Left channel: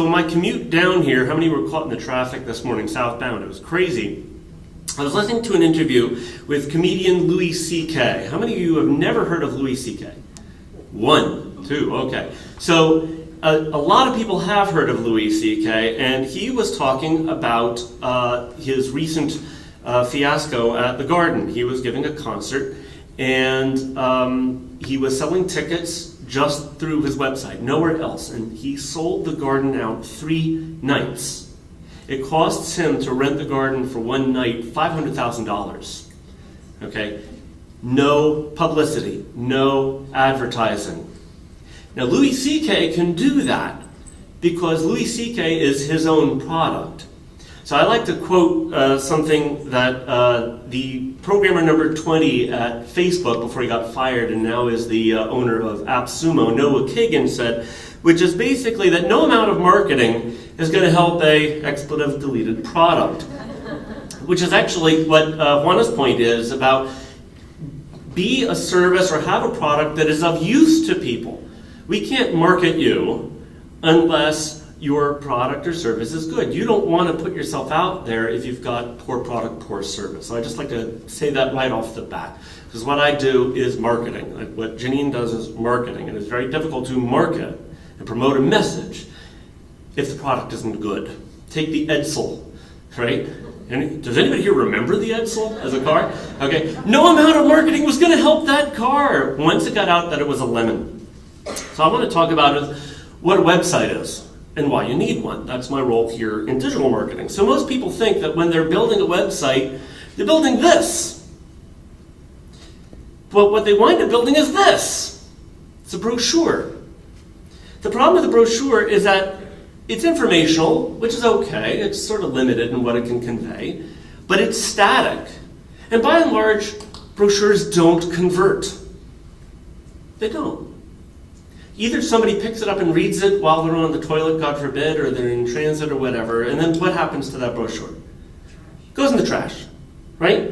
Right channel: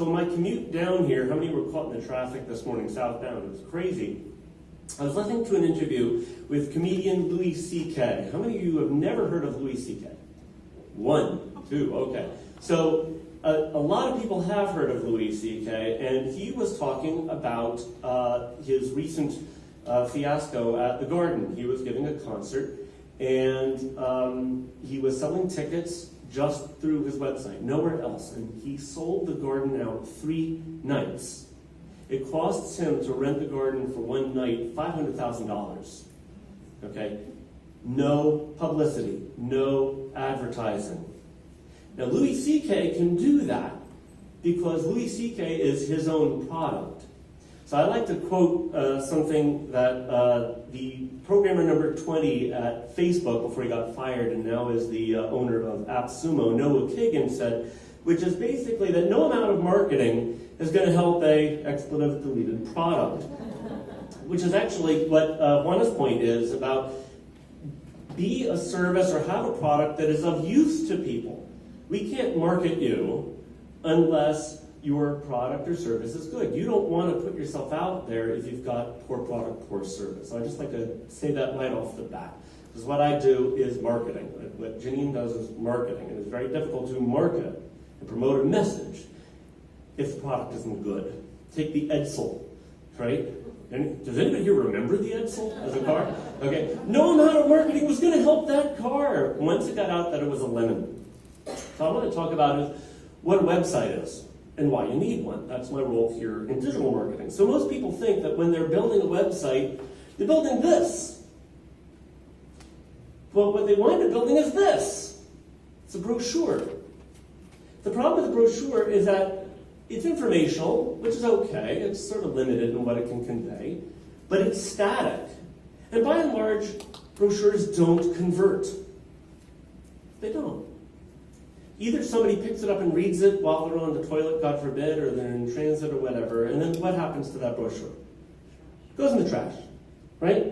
So on my commute down here, how many were caught in the traffic this morning southbound? It was crazy. I was listening to an interview with comedian Louis C.K. How many of you have never heard of Louis C.K.? 1, 2, okay. So a lot of people have heard of Louis C.K., and he was talking about his recent fiasco at the Garden. He was giving a concert, and he was selling tickets just through his website, nowhere else. And he sold the Garden out 3 nights. It costs him to rent the Garden for 1 night $500,000. Okay? No publicity, no advertising. Now, Louis C.K. can do that because Louis C.K. is his own product. So I like to quote something that the programmer number 20 at Facebook, before he got fired and now is the owner of AppSumo, Noah Kagan, said, which is basically that no amount of marketing is going to help a expletive deleted product. Which is actually what Juana's point is about: be a service or have a product that is of use to people. We can't market you unless your product or service is good. You don't want to put yourself out there if you've got poor product, poor service. So I just like to say that right off the bat, because what I do is marketing. Like what Janine does is marketing, and it's very difficult to market and promote a message if the product isn't good. Take the Edsel, right? And does anybody here remember the Edsel as a car? Okay, no amount of marketing was going to help that car once it got out that it was a lemon. So I want to talk about what a website is and why you need one. That's my role here in digital marketing. So most people think that when they're building a website, they're building this. But what they wind up building is this. It's a brochure. The problem with the brochure is that it's informational, which is okay. It's sort of limited in what it can convey, but it's static. And by and large, brochures don't convert. They don't. Either somebody picks it up and reads it while they're on the toilet, God forbid, or they're in transit or whatever, and then what happens to that brochure? It goes in the trash, right?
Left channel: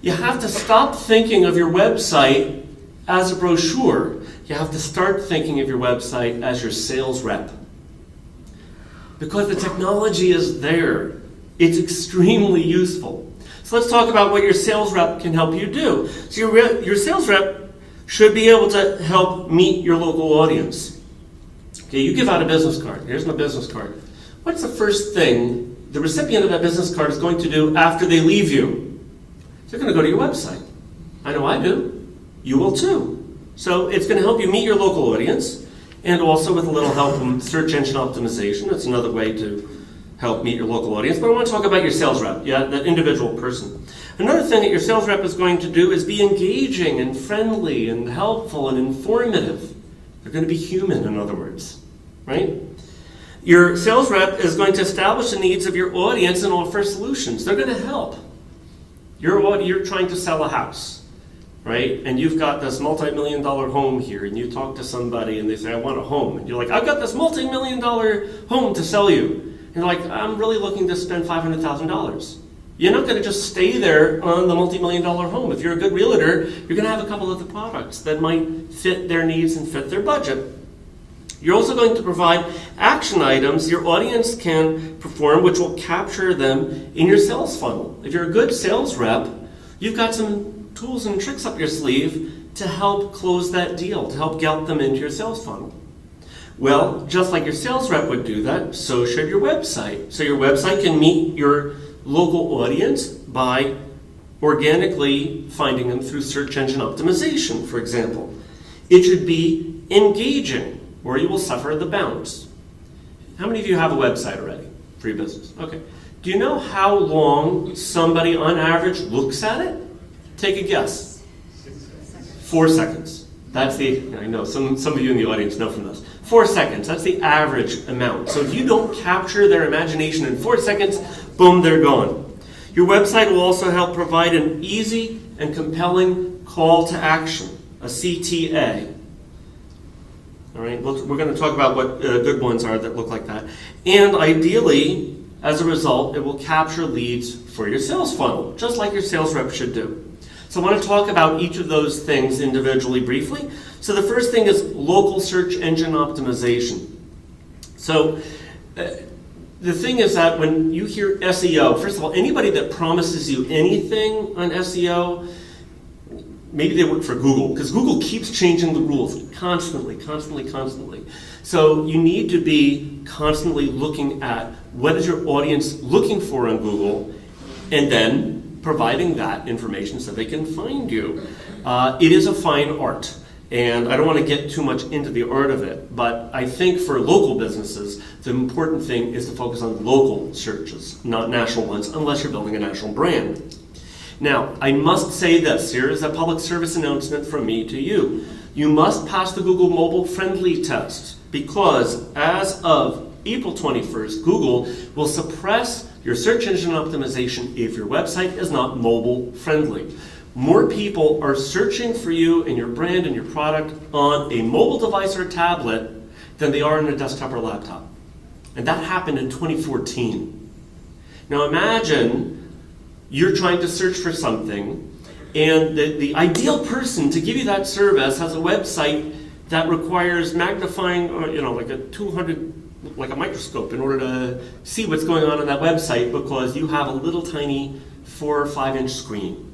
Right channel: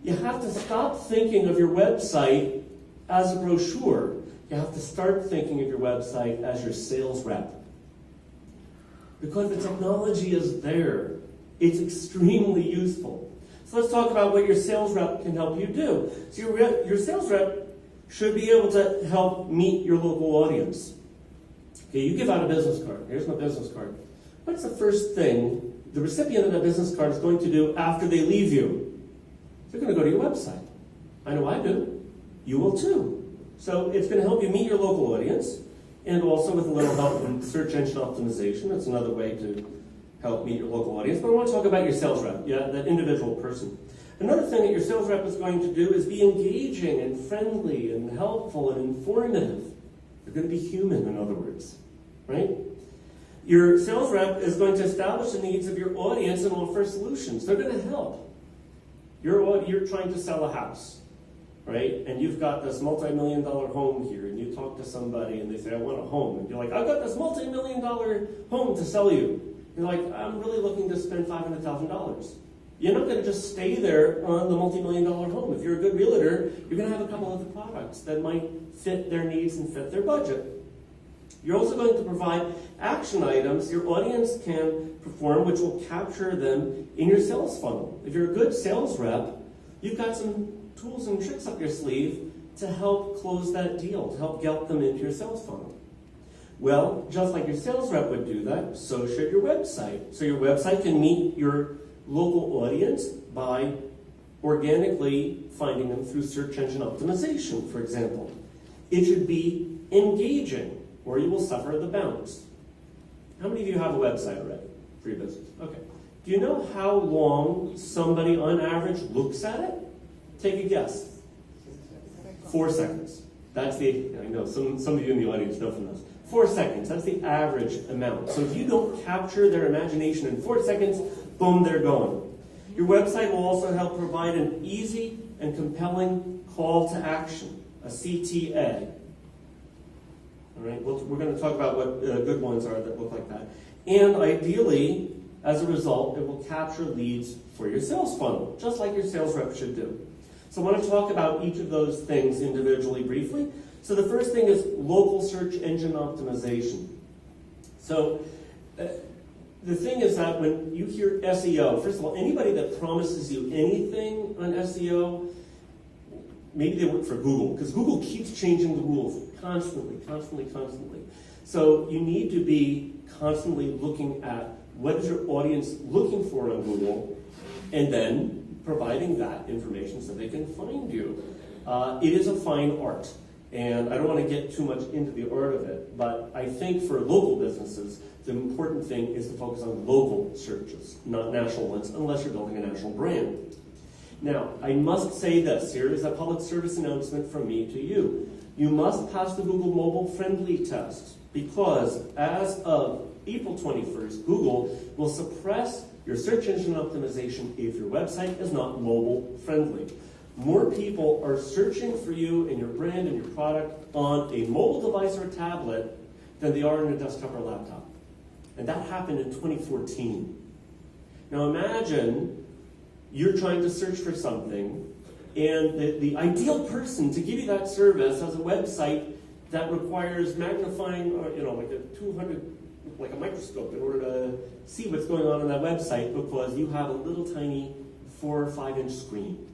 You have to stop thinking of your website as a brochure. You have to start thinking of your website as your sales rep. Because the technology is there. It's extremely useful. So let's talk about what your sales rep can help you do. So your sales rep should be able to help meet your local audience. Okay, you give out a business card. Here's my business card. What's the first thing the recipient of that business card is going to do after they leave you? They're going to go to your website. I know I do. You will too. So it's going to help you meet your local audience, and also with a little help from search engine optimization. That's another way to help meet your local audience. But I want to talk about your sales rep, that individual person. Another thing that your sales rep is going to do is be engaging and friendly and helpful and informative. They're going to be human, in other words, right? Your sales rep is going to establish the needs of your audience and offer solutions. They're going to help. You're trying to sell a house, right? And you've got this multi-million-dollar home here, and you talk to somebody and they say, I want a home. And you're like, I've got this multi-million-dollar home to sell you. And you're like, I'm really looking to spend $500,000. You're not going to just stay there on the multi-million-dollar home. If you're a good realtor, you're going to have a couple of the products that might fit their needs and fit their budget. You're also going to provide action items your audience can perform, which will capture them in your sales funnel. If you're a good sales rep, you've got some tools and tricks up your sleeve to help close that deal, to help get them into your sales funnel. Well, just like your sales rep would do that, so should your website. So your website can meet your local audience by organically finding them through search engine optimization, for example. It should be engaging, or you will suffer the bounce. How many of you have a website already for your business? Okay. Do you know how long somebody on average looks at it? Take a guess. 4 seconds. That's I know, some of you in the audience know from this. 4 seconds, that's the average amount. So if you don't capture their imagination in 4 seconds, boom, they're gone. Your website will also help provide an easy and compelling call to action, a CTA. All right, we're going to talk about what good ones are that look like that. And ideally, as a result, it will capture leads for your sales funnel, just like your sales rep should do. So I want to talk about each of those things individually briefly. So the first thing is local search engine optimization. So The thing is that when you hear SEO, first of all, anybody that promises you anything on SEO, maybe they work for Google, because Google keeps changing the rules constantly. So you need to be constantly looking at what is your audience looking for on Google, and then providing that information so they can find you. It is a fine art. And I don't want to get too much into the art of it, but I think for local businesses, the important thing is to focus on local searches, not national ones, unless you're building a national brand. Now, I must say this. Here is a public service announcement from me to you. You must pass the Google Mobile Friendly test, because as of April 21st, Google will suppress your search engine optimization if your website is not mobile friendly. More people are searching for you and your brand and your product on a mobile device or tablet than they are on a desktop or laptop. And that happened in 2014. Now imagine you're trying to search for something, and the ideal person to give you that service has a website that requires magnifying, like a 200, like a microscope, in order to see what's going on that website, because you have a little tiny 4 or 5 inch screen.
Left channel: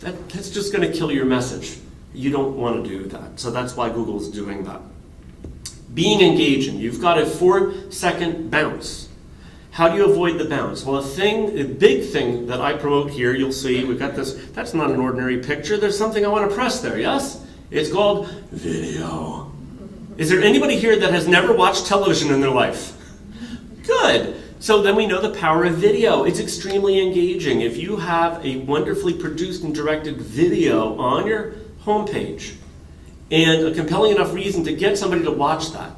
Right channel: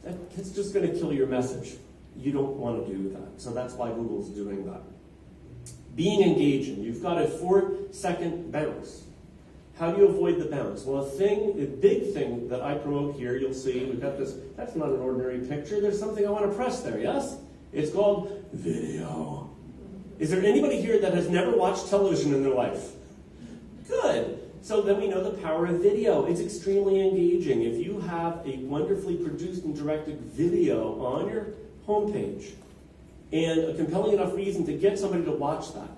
That's just going to kill your message. You don't want to do that. So that's why Google's doing that. Being engaging. You've got a 4-second bounce. How do you avoid the bounce? Well, a big thing that I promote here, you'll see, we've got this, that's not an ordinary picture. There's something I want to press there, yes? It's called video. Is there anybody here that has never watched television in their life? Good. So then we know the power of video. It's extremely engaging. If you have a wonderfully produced and directed video on your homepage and a compelling enough reason to get somebody to watch that,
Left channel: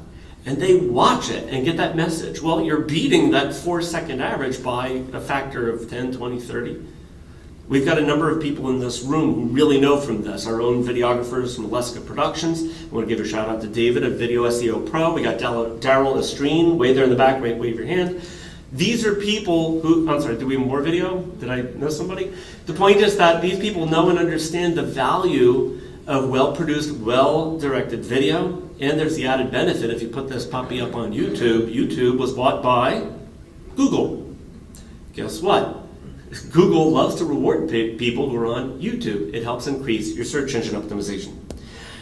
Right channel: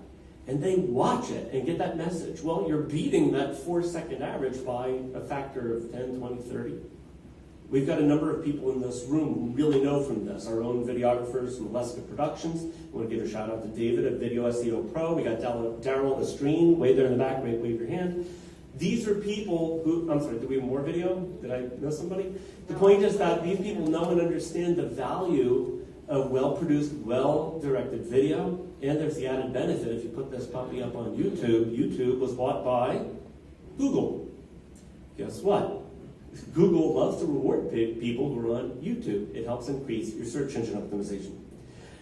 and they watch it and get that message, well, you're beating that 4-second average by a factor of 10, 20, 30. We've got a number of people in this room who really know from this. Our own videographers from Aleska Productions. I want to give a shout out to David at Video SEO Pro. We got Daryl Estreen way there in the back. Wave your hand. These are people who, I'm sorry, do we have more video? Did I know somebody? The point is that these people know and understand the value of well-produced, well-directed video, and there's the added benefit if you put this puppy up on YouTube. YouTube was bought by Google. Guess what? Google loves to reward people who are on YouTube. It helps increase your search engine optimization.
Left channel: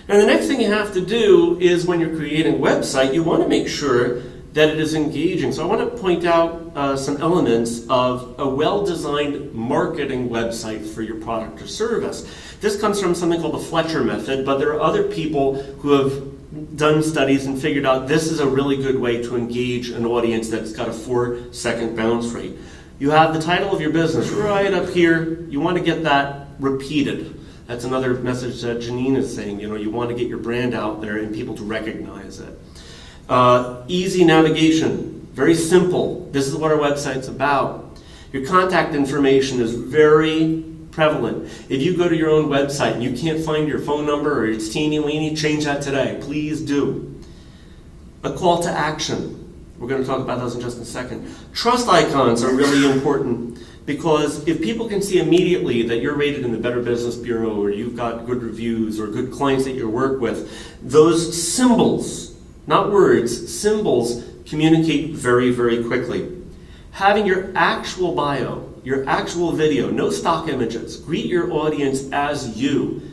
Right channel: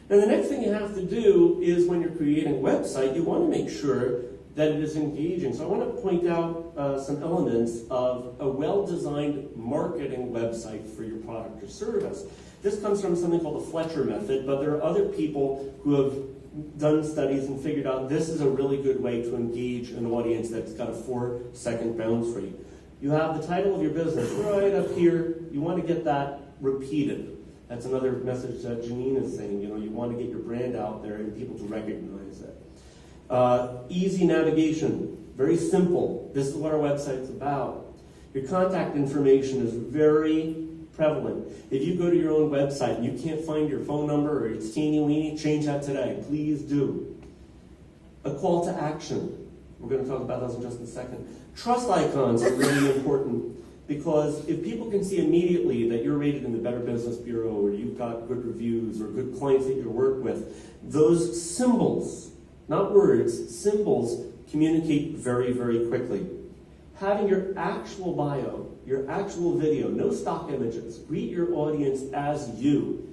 Now the next thing you have to do is when you're creating a website, you want to make sure that it is engaging. So I want to point out some elements of a well-designed marketing website for your product or service. This comes from something called the Fletcher method, but there are other people who have done studies and figured out this is a really good way to engage an audience that's got a 4-second bounce rate. You have the title of your business right up here. You want to get that repeated. That's another message that Janine is saying. You want to get your brand out there and people to recognize it. Easy navigation, very simple. This is what our website's about. Your contact information is very prevalent. If you go to your own website and you can't find your phone number or it's teeny-weeny, change that today. Please do. A call to action. We're going to talk about those in just a second. Trust icons are really important, because if people can see immediately that you're rated in the Better Business Bureau, or you've got good reviews or good clients that you work with, those symbols, not words, symbols communicate very, very quickly. Having your actual bio, your actual video, no stock images, greet your audience as you.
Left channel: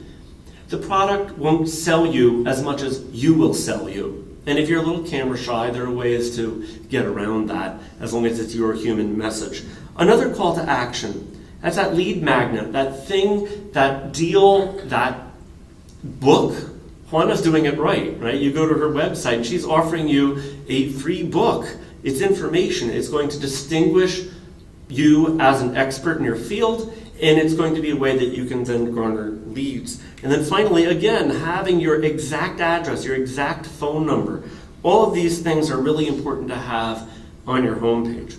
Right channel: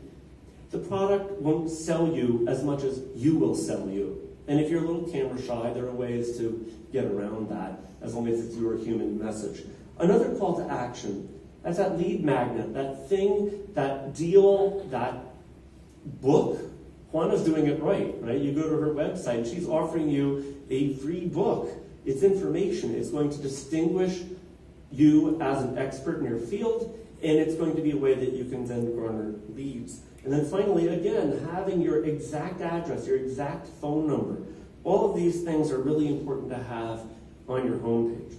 The product won't sell you as much as you will sell you. And if you're a little camera shy, there are ways to get around that, as long as it's your human message. Another call to action, that's that lead magnet, that thing, that deal, that book. Juana's doing it right? You go to her website, she's offering you a free book. It's information. It's going to distinguish you as an expert in your field, and it's going to be a way that you can then garner leads. And then finally, again, having your exact address, your exact phone number. All of these things are really important to have on your homepage.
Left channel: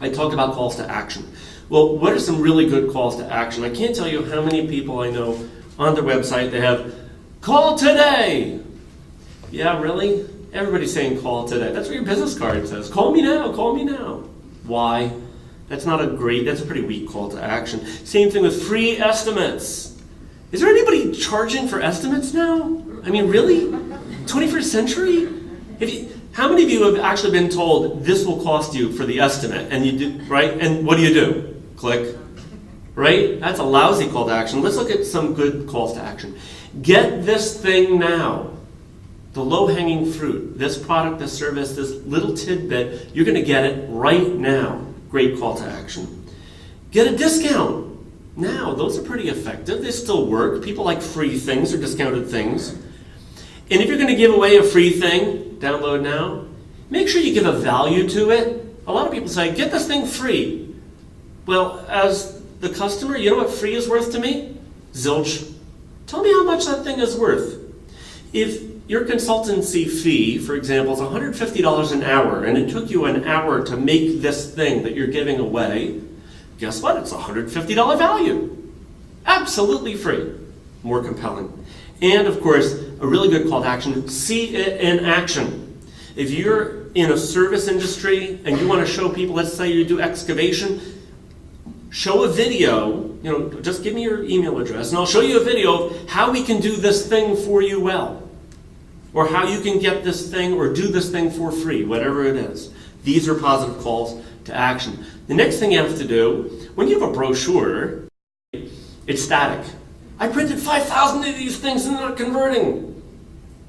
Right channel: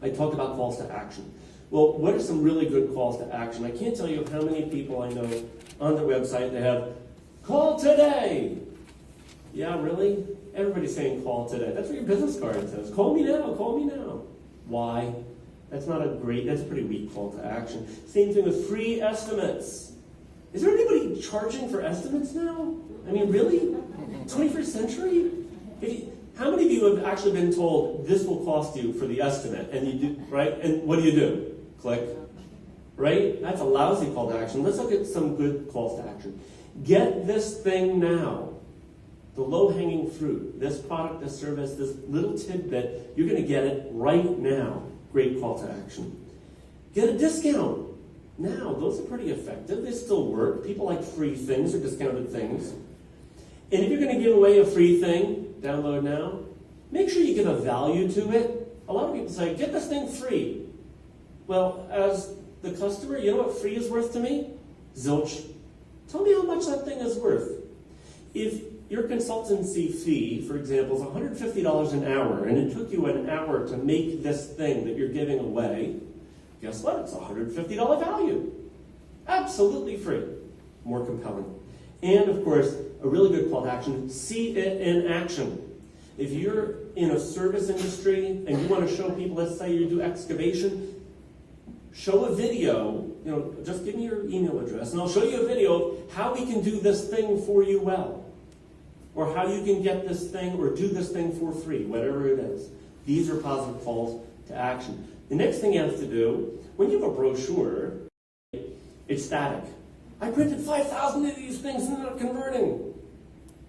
I talked about calls to action. Well, what are some really good calls to action? I can't tell you how many people I know on their website, they have, call today. Yeah, really? Everybody's saying call today. That's what your business card says. Call me now, call me now. Why? That's a pretty weak call to action. Same thing with free estimates. Is there anybody charging for estimates now? I mean, really? 21st century? How many of you have actually been told this will cost you for the estimate, and you do, right? And what do? Click. Right? That's a lousy call to action. Let's look at some good calls to action. Get this thing now. The low-hanging fruit, this product, this service, this little tidbit, you're going to get it right now. Great call to action. Get a discount now. Those are pretty effective. They still work. People like free things or discounted things. And if you're going to give away a free thing, download now, make sure you give a value to it. A lot of people say, get this thing free. Well, as the customer, you know what free is worth to me? Zilch. Tell me how much that thing is worth. If your consultancy fee, for example, is $150 an hour, and it took you an hour to make this thing that you're giving away, guess what? It's a $150 value. Absolutely free. More compelling. And of course, a really good call to action, see it in action. If you're in a service industry and you want to show people, let's say you do excavation, show a video, just give me your email address and I'll show you a video of how we can do this thing for you well. Or how you can get this thing or do this thing for free, whatever it is. These are positive calls to action. The next thing you have to do, when you have a brochure, it's static. I printed 5,000 of these things and they're not converting.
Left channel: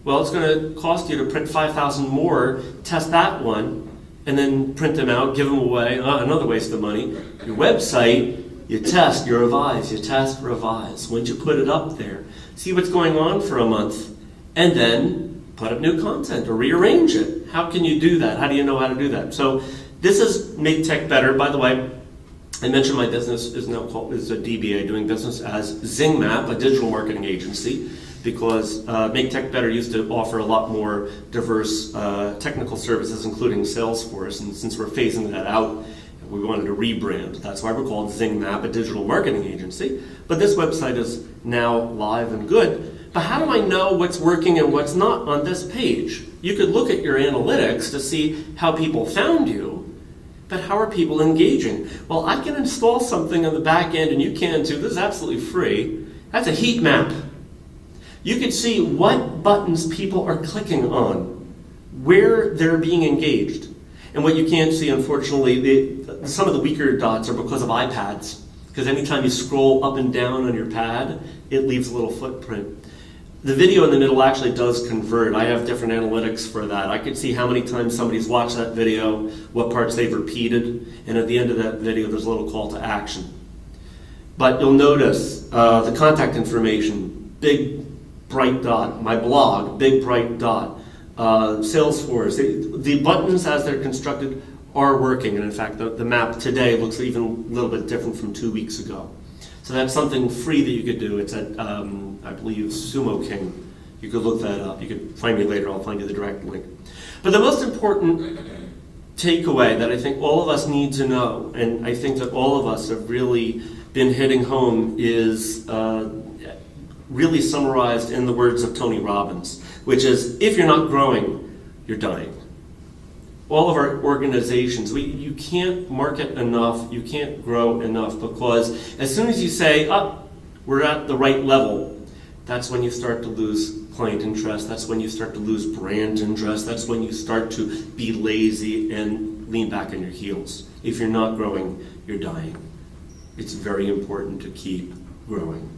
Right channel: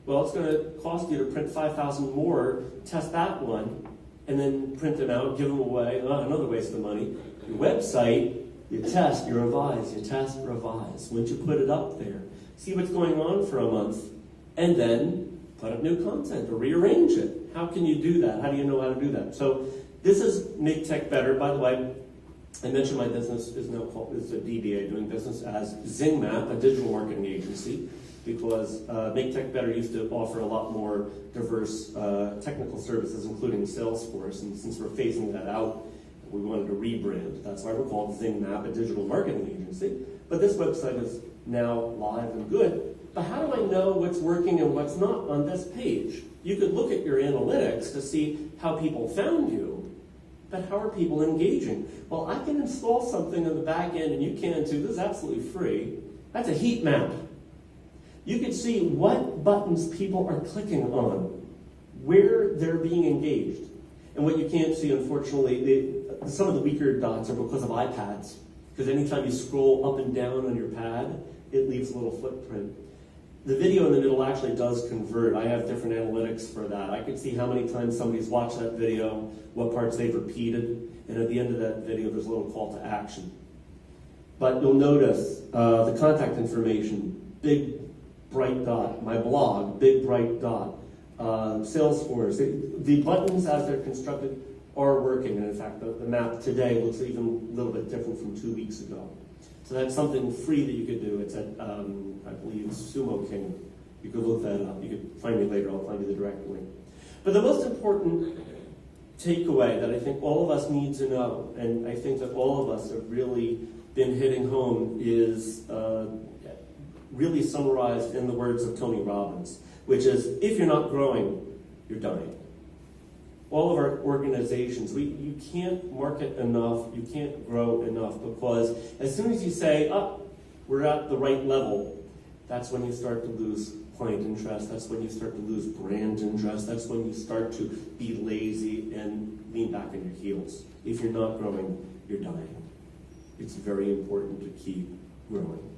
Well, it's going to cost you to print 5,000 more, test that one, and then print them out, give them away. Another waste of money. Your website, you test, you revise, you test, revise. Once you put it up there, see what's going on for a month, and then put up new content or rearrange it. How can you do that? How do you know how to do that? So this is Make Tech Better. By the way, I mentioned my business is a DBA, doing business as ZingMap, a digital marketing agency, because Make Tech Better used to offer a lot more diverse technical services, including Salesforce. And since we're phasing that out, we wanted to rebrand. That's why we're called ZingMap, a digital marketing agency. But this website is now live and good. But how do I know what's working and what's not on this page? You could look at your analytics to see how people found you, but how are people engaging? Well, I can install something on the back end, and you can too. This is absolutely free. That's a heat map. You can see what buttons people are clicking on, where they're being engaged. And what you can't see, unfortunately, some of the weaker dots are because of iPads. Because anytime you scroll up and down on your pad, it leaves a little footprint. The video in the middle actually does convert. I have different analytics for that. I can see how many times somebody's watched that video, what parts they've repeated, and at the end of that video there's a little call to action. But you'll notice the contact information, big bright dot. My blog, big bright dot. Salesforce, the buttons as they're constructed are working, and in fact the map today looks even a little bit different from 2 weeks ago. So that's something free that you could do. It's at, I believe, Sumo King. You could look that up. You could find me later. I'll find you the direct link. But the most important takeaway that I think all of us need to know, and I think that all of us have really been hitting home, is really summarized in the words of Tony Robbins, which is, if you're not growing, you're dying. All of our organizations, you can't market enough, you can't grow enough, because as soon as you say, we're at the right level, that's when you start to lose client interest, that's when you start to lose brand interest, that's when you start to be lazy and lean back on your heels. If you're not growing, you're dying. It's very important to keep growing.